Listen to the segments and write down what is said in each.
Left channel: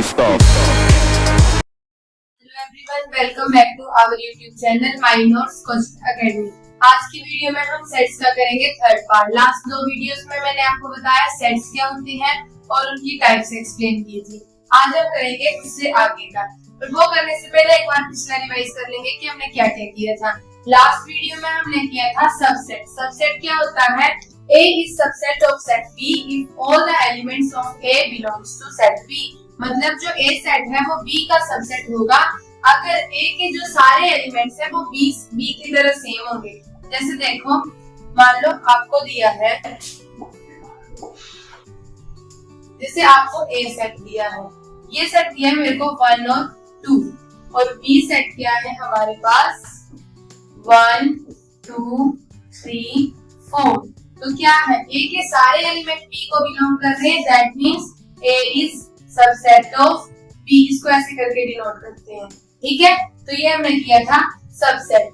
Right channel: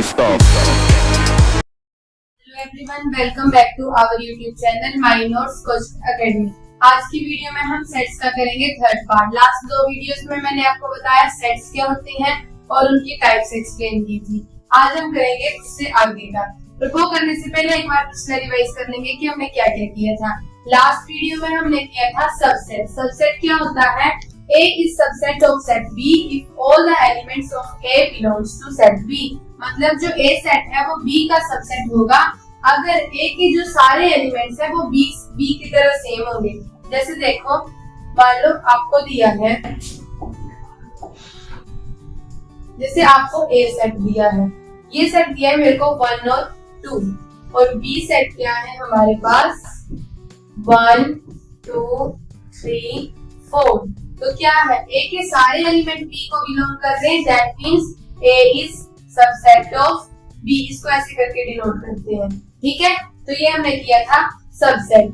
stop. Hello everyone, welcome back to our YouTube channel my notes coaching academy. आज की video में हम sets का करेंगे थर्ड पार्ट। लास्ट दो वीडियोस में मैंने आपको बताया सेट्स क्या होते हैं और उनकी टाइप्स एक्सप्लेन की थी। आज हम करेंगे उससे आगे का। तो वो करने से पहले एक बार पिछला रिवाइज कर लेंगे कि हमने क्या क्या किया था। लास्ट वीडियो में हमने किया था सबसेट। सबसेट क्या होता है? A is subset of set B if all the elements of A belongs to set B। मतलब जो A सेट है वो B का सबसेट होगा अगर A के जो सारे एलिमेंट्स है वो B की तरह सेम होंगे। जैसे देखो, मान लो आपको दिया है, जैसे आपको A सेट दिया है, ये सेट दिया है मेरे को 1 और 2 और B सेट क्या है हमारे पास 1 2 3 4। तो क्या है, A के सारे एलिमेंट B को बिलोंग कर रहे हैं, that means A is subset of B। इसको ऐसे करके डिनोट करते हैं, ठीक है। तो ये हमने किया था सबसेट।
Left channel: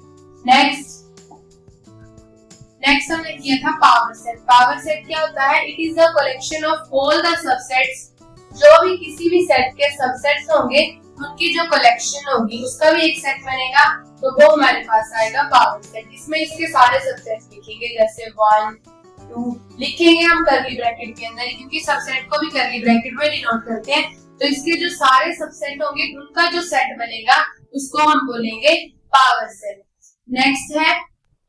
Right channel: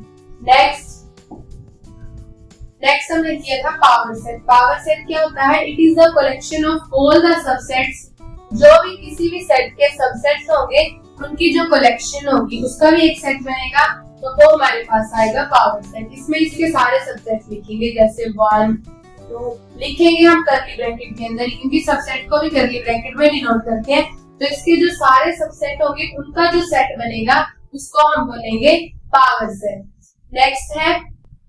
नेक्स्ट हमने किया था पावर सेट। पावर सेट क्या होता है? It is the collection of all the subsets. जो भी किसी भी सेट के सबसेट्स होंगे उनकी जो कलेक्शन होगी उसका भी एक सेट बनेगा, तो वो हमारे पास आएगा पावर सेट। इसमें इसके सारे सबसेट्स लिखेंगे, जैसे 1 2 लिखेंगे हम करली ब्रैकेट के अंदर, क्योंकि सबसेट को भी करली ब्रैकेट में डिनोट करते हैं। तो इसके जो सारे सबसेट होंगे उनका जो सेट बनेगा उसको हम बोलेंगे पावर सेट। नेक्स्ट है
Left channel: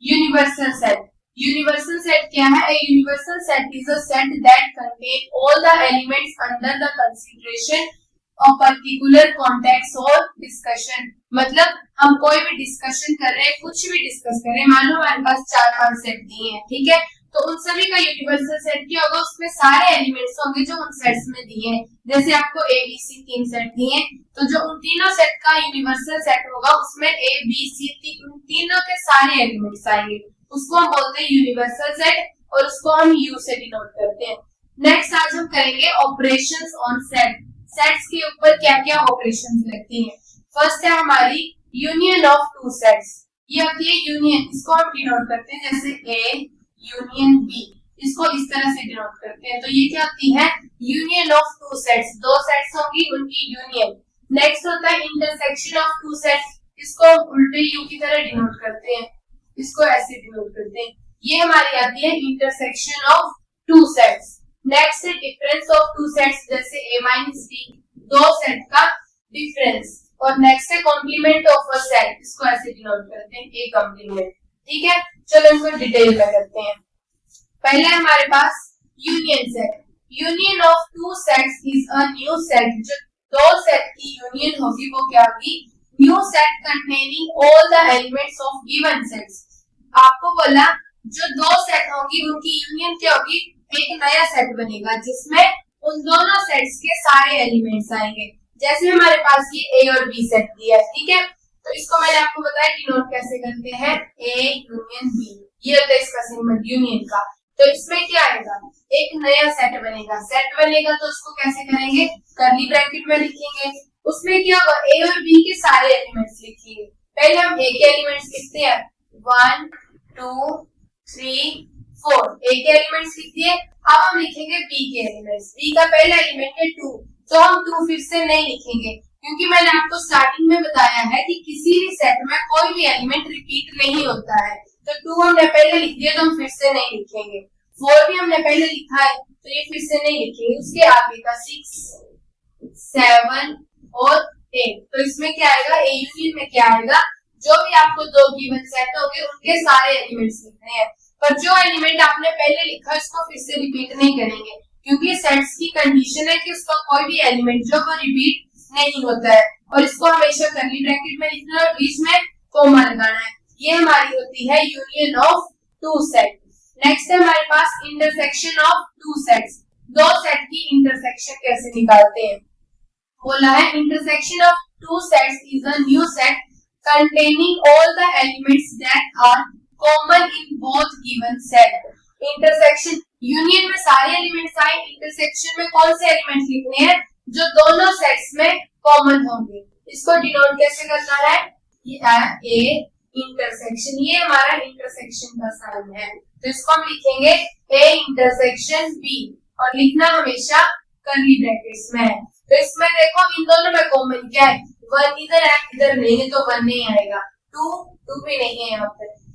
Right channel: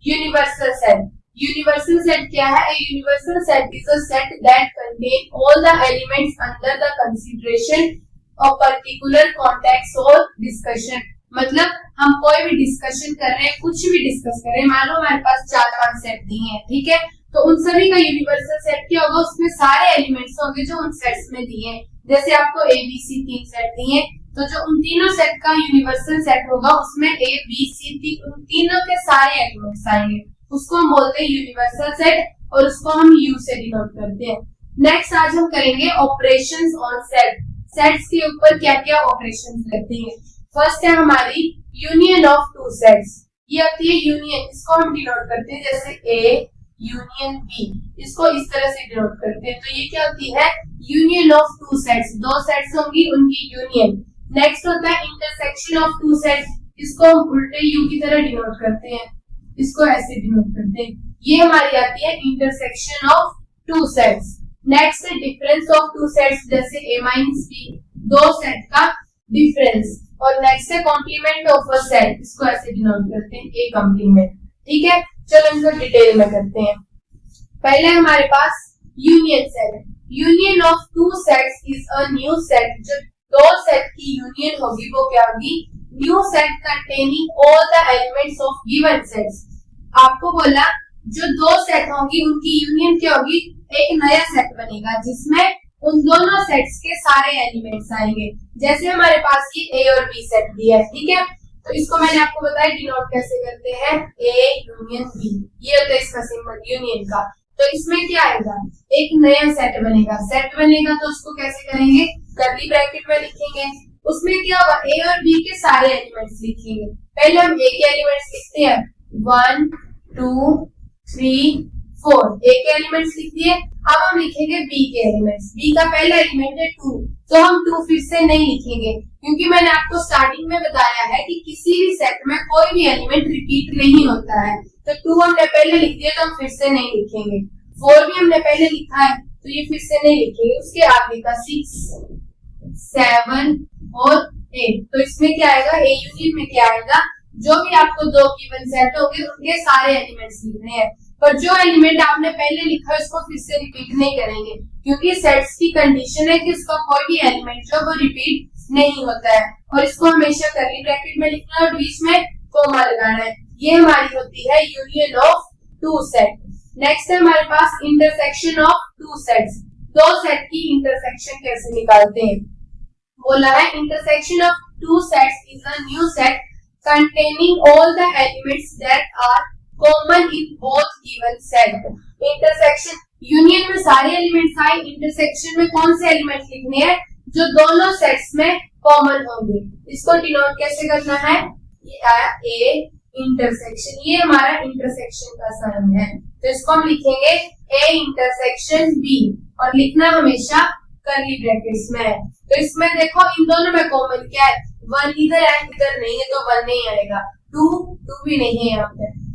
यूनिवर्सल सेट। यूनिवर्सल सेट क्या है? A universal set is a set that contain all the elements under the consideration of particular context और डिस्कशन। मतलब हम कोई भी डिस्कशन कर रहे हैं, कुछ भी डिस्कस कर रहे हैं, मान लो हमारे पास 4-5 सेट दिए हैं, ठीक है, तो उन सभी का यूनिवर्सल सेट क्या होगा? उसमें सारे एलिमेंट्स होंगे जो उन सेट्स में दिए हैं। जैसे आपको A B C 3 सेट दिए हैं, तो जो उन तीनों सेट का यूनिवर्सल सेट होगा उसमें A B C उन तीनों के सारे एलिमेंट्स आएंगे, उसको हम बोलते हैं यूनिवर्सल सेट और उसको हम U से डिनोट करते हैं। नेक्स्ट आज हम करेंगे ऑपरेशंस ऑन सेट। सेट्स के ऊपर क्या क्या ऑपरेशंस लगती हैं। फर्स्ट है हमारी यूनियन ऑफ टू सेट्स। ये आती है यूनियन, इसको हम डिनोट करते हैं जैसे A यूनियन B, इसको इस तरह से डिनोट करते हैं। तो ये क्या होती है? Union of two sets. दो सेट्स होंगी उनकी यूनियन। नेक्स्ट होता है इंटरसेक्शन ऑफ टू सेट्स, इसको हम उल्टे U की तरह डिनोट करते हैं, इसको ऐसे डिनोट करते हैं। ये हमारी आती है intersection of two sets. Next है डिफरेंस ऑफ टू सेट्स, जैसे A माइनस B, दो सेट का डिफरेंस। और नेक्स्ट है कॉम्प्लीमेंट ऑफ अ सेट, इसको ऐसे डिनोट करते हैं A कॉम्प्लीमेंट, ठीक है। चलो इनको डिटेल में करते हैं। पहले हमारे पास union set. Union of two sets is a new set. जो दो सेट की यूनियन होगी वो क्या होगी? New set containing all the elements of given sets. आपको बोला जो दो सेट होंगी उनकी यूनियन क्या होगी? एक नया सेट बनेगा जिसमें उन दोनों सेट्स के सारे एलिमेंट्स आएंगे। जैसे हमारे पास ये A और B सेट दिया है, ठीक है, तो इसको मैंने आपको बताया डिनोट कैसे करते हैं, A यूनियन B। ये होता है इसका सिंबल यूनियन का। तो इसमें क्या आएगा? एक नया सेट बनेगा। सेट बनेगा तो उसको कैसे करेंगे? करली ब्रैकेट में लिखेंगे। उसमें क्या होगा? A और B के सारे एलिमेंट्स लिखेंगे। पहले हम A के एलिमेंट्स लिखते हैं 1 2 3 4, A के एलिमेंट्स लिख दिए। अब हम लिखेंगे B के एलिमेंट्स। B का पहला एलिमेंट है 2, तो हम 2 फिर से नहीं लिखेंगे, क्योंकि मैंने आपको स्टार्टिंग में बताया है कि किसी भी सेट में कोई भी एलिमेंट रिपीट नहीं होता है। तो 2 हमने पहले लिख दिया तो हम फिर से नहीं लिखेंगे। 4 भी हमने पहले लिखा है तो ये फिर से नहीं लिखेंगे। उसके आगे का 6 7 और 8, तो इसमें क्या आएगा? A यूनियन में क्या आएगा? जो भी आपको दो गिवन सेट होंगे उनके सारे एलिमेंट्स लिखने हैं, पर जो एलिमेंट आपने पहले लिखा है उसको फिर से रिपीट नहीं करेंगे, क्योंकि सेट्स की कंडीशन है कि उसका कोई भी एलिमेंट जो वो रिपीट नहीं होता है। और इसको हमेशा करली ब्रैकेट में लिखना है और बीच में कोमा लगाना है। ये हमारी होती है union of two set. Next है हमारे पास इंटरसेक्शन ऑफ टू सेट्स। दो सेट की इंटरसेक्शन कैसे निकालते हैं? बोला है intersection of two sets is a new set containing all the elements that are common in both given set। Intersection union में सारे एलिमेंट्स आए, इंटरसेक्शन में कौन से एलिमेंट्स लिखने हैं? जो दोनों सेट्स में कॉमन होंगे। इसको डिनोट कैसे करना है? ये आया A इंटरसेक्शन, ये हमारा इंटरसेक्शन का साइन है, तो इसको हम लिखेंगे A इंटरसेक्शन B और लिखना हमेशा करली ब्रैकेट्स में है। तो इसमें देखो इन दोनों में कॉमन क्या है, 1 इधर है इधर नहीं है तो 1 नहीं आएगा, 2 भी नहीं है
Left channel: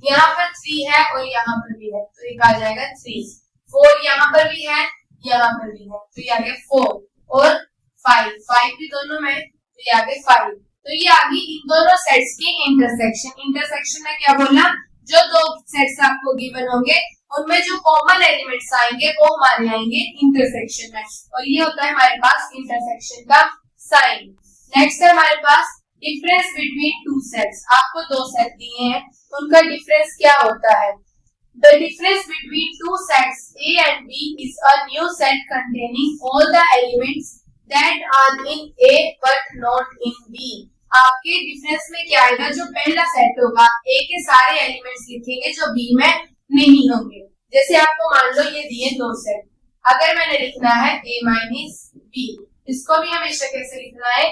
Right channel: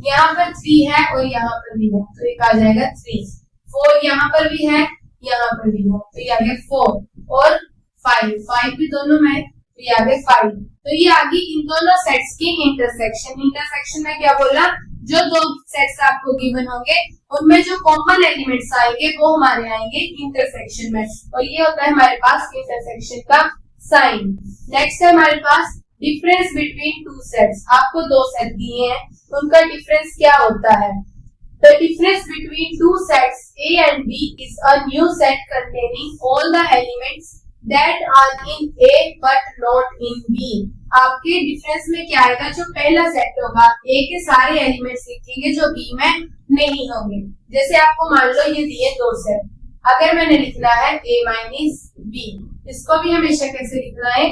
यहाँ पर 3 है और यहाँ पर भी है तो एक आ जाएगा 3, 4 यहाँ पर भी है यहाँ पर भी है तो ये आ गया 4 और 5 भी दोनों में तो ये आ गया 5। तो ये आ गई इन दोनों सेट्स की इंटरसेक्शन में क्या बोला, जो दो सेट्स आपको गिवन होंगे उनमें जो कॉमन एलिमेंट्स आएंगे वो हमारे आएंगे इंटरसेक्शन में, और ये होता है हमारे पास इंटरसेक्शन का साइन। नेक्स्ट है हमारे पास डिफरेंस बिटवीन टू सेट्स। आपको दो सेट दिए हैं, उनका डिफरेंस क्या होता है। The difference between two sets A and B is a new set containing all the elements that are in A but not in B। आपके डिफरेंस में क्या आएगा, जो पहला सेट होगा A के सारे एलिमेंट्स लिखेंगे जो B में नहीं होंगे। जैसे आपको मान लो ये दिए दो सेट, अगर मैंने लिखना है A माइनस B, इसको भी हमेशा कैसे लिखना है,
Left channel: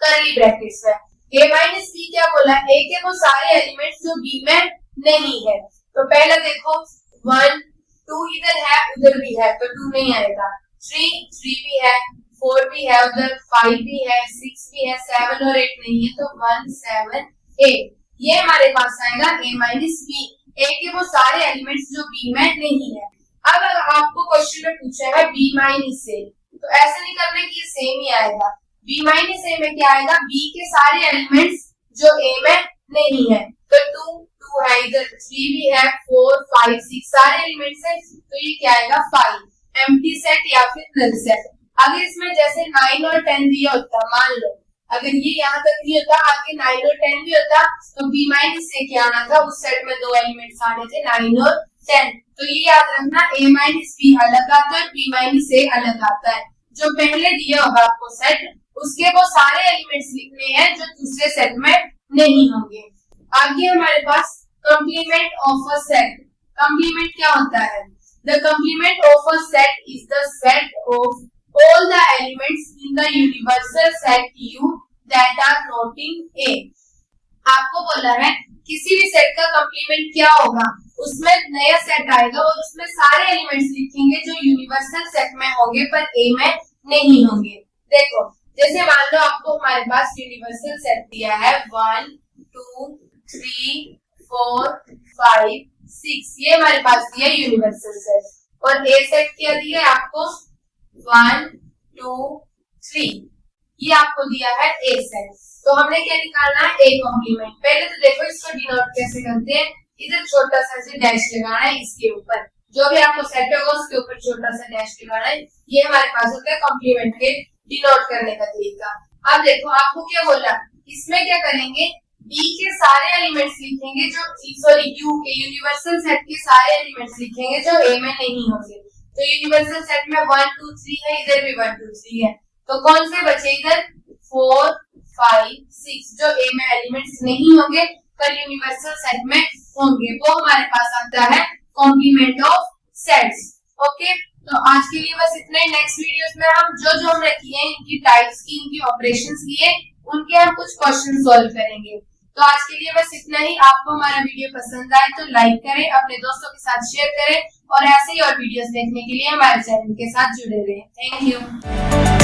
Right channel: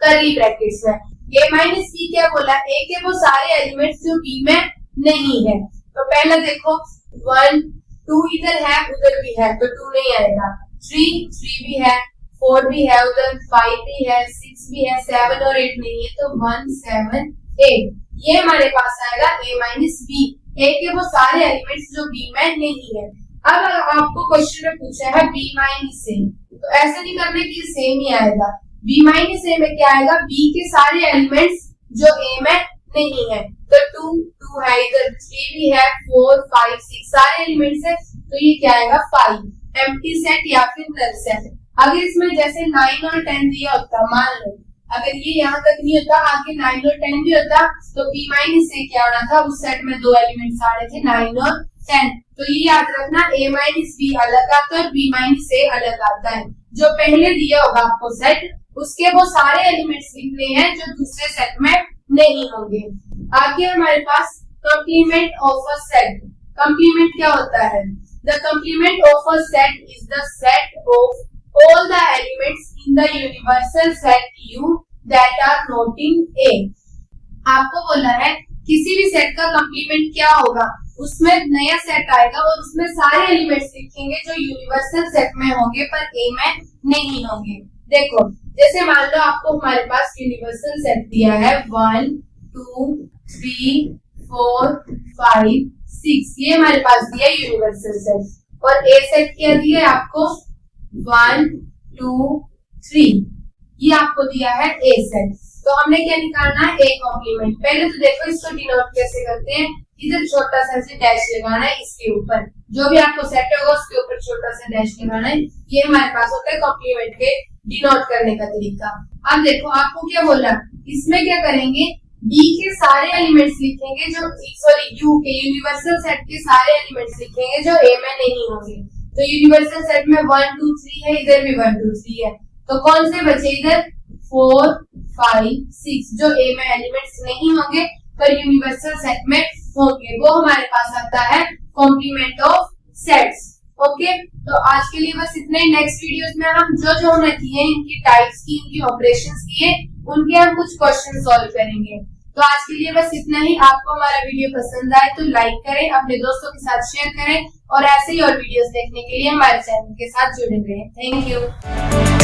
करली ब्रैकेट्स में। A माइनस B क्या बोला, A के वो सारे एलिमेंट्स जो B में नहीं है। तो पहला देखो 1 2 इधर है उधर भी है तो 2 नहीं आएगा, 3 भी है 4 भी है उधर, 5 भी है 6 भी है, 7 और 8 नहीं है तो 1 7 8, ये हमारे पास आएगा A माइनस B। A के वो सारे एलिमेंट्स जो B में नहीं है। अब अगर आपको क्वेश्चन में पूछा है B माइनस A, तो ऐसे नहीं करना कि सेम ही आएगा। B माइनस A में क्या आएगा, B के सारे एलिमेंट्स जो A में नहीं है तो 2 है इधर, 3 भी है 4 5 6 सारे एलिमेंट्स है तो ये क्या आएगा 5, एम्प्टी सेट या फिर नल सेट। अगर इसमें जैसे 9 और 10 दिया होता, मान लो अगर ये यहाँ तक नहीं होता आगे 9 और 10 भी होता तो B माइनस A क्या आना था, उस सेट में दो एलिमेंट्स आ रहे थे 9 और 10। तो ये याद रखना A माइनस B अलग आता है और B माइनस A अलग आता है। जो पहले दिया होगा आपको सेट, उसके वो सारे एलिमेंट्स लिखने हैं जो दूसरे सेट में नहीं होंगे। आगे हमारे पास complement of a set. Complement क्या होता है, the complement of a set is the set of all the elements in the universal set U that are not in A। आपको बोला है किसी भी सेट का कंप्लीमेंट क्या होगा, उसमें नया सेट आएगा और उसमें सारे एलिमेंट्स लिखेंगे जो यूनिवर्सल सेट में होंगे पर A में नहीं होंगे। देखो जैसे मान लो आपको हमारे पास यूनिवर्सल सेट दिया है 1 2 3 4 5 6, ये हमारे पास दिया यूनिवर्सल सेट, और A सेट क्या दिया है आपको 1 2 3, ये आपको दिया है A सेट। तो हमने क्या निकालना है, A कॉम्प्लीमेंट। पहले तो देखो इसको डिनोट कैसे करते हैं, इधर छोटा सा ऐसे डैश लगाना है, इसके ऊपर जो भी आपको सेट होगा उसके ऊपर छोटा सा डैश लगाना है, ये हमारे पास होता है कॉम्प्लीमेंट के डिनोट करने का तरीका। अब देखो आपको क्या बोला, इसमें क्या करेंगे, B के सारे एलिमेंट्स लिखेंगे जो U के यूनिवर्सल सेट के सारे एलिमेंट्स लिखेंगे जो A में नहीं होंगे। तो यूनिवर्सल सेट में 1 2 3 है, इधर भी 1 2 3 है, तो कौन से बचे इधर 4 5 6 जो A में एलिमेंट्स नहीं होंगे पर यूनिवर्सल सेट में होंगे, वो हमारे पास आता है कॉम्प्लीमेंट ऑफ सेट्स। ओके, तो आज के लिए बस इतना ही। नेक्स्ट वीडियोस में हम जो हमने किए इनकी टाइप्स की, इनकी ऑपरेशंस किए, उनके हम कुछ क्वेश्चन सॉल्व करेंगे। तो आज के लिए बस इतना ही। आपको हमारा वीडियो पसंद आए तो लाइक करें, अपने दोस्तों के साथ शेयर करें और ऐसे ही और वीडियोस देखने के लिए हमारे चैनल के साथ जुड़े रहें। Thank you.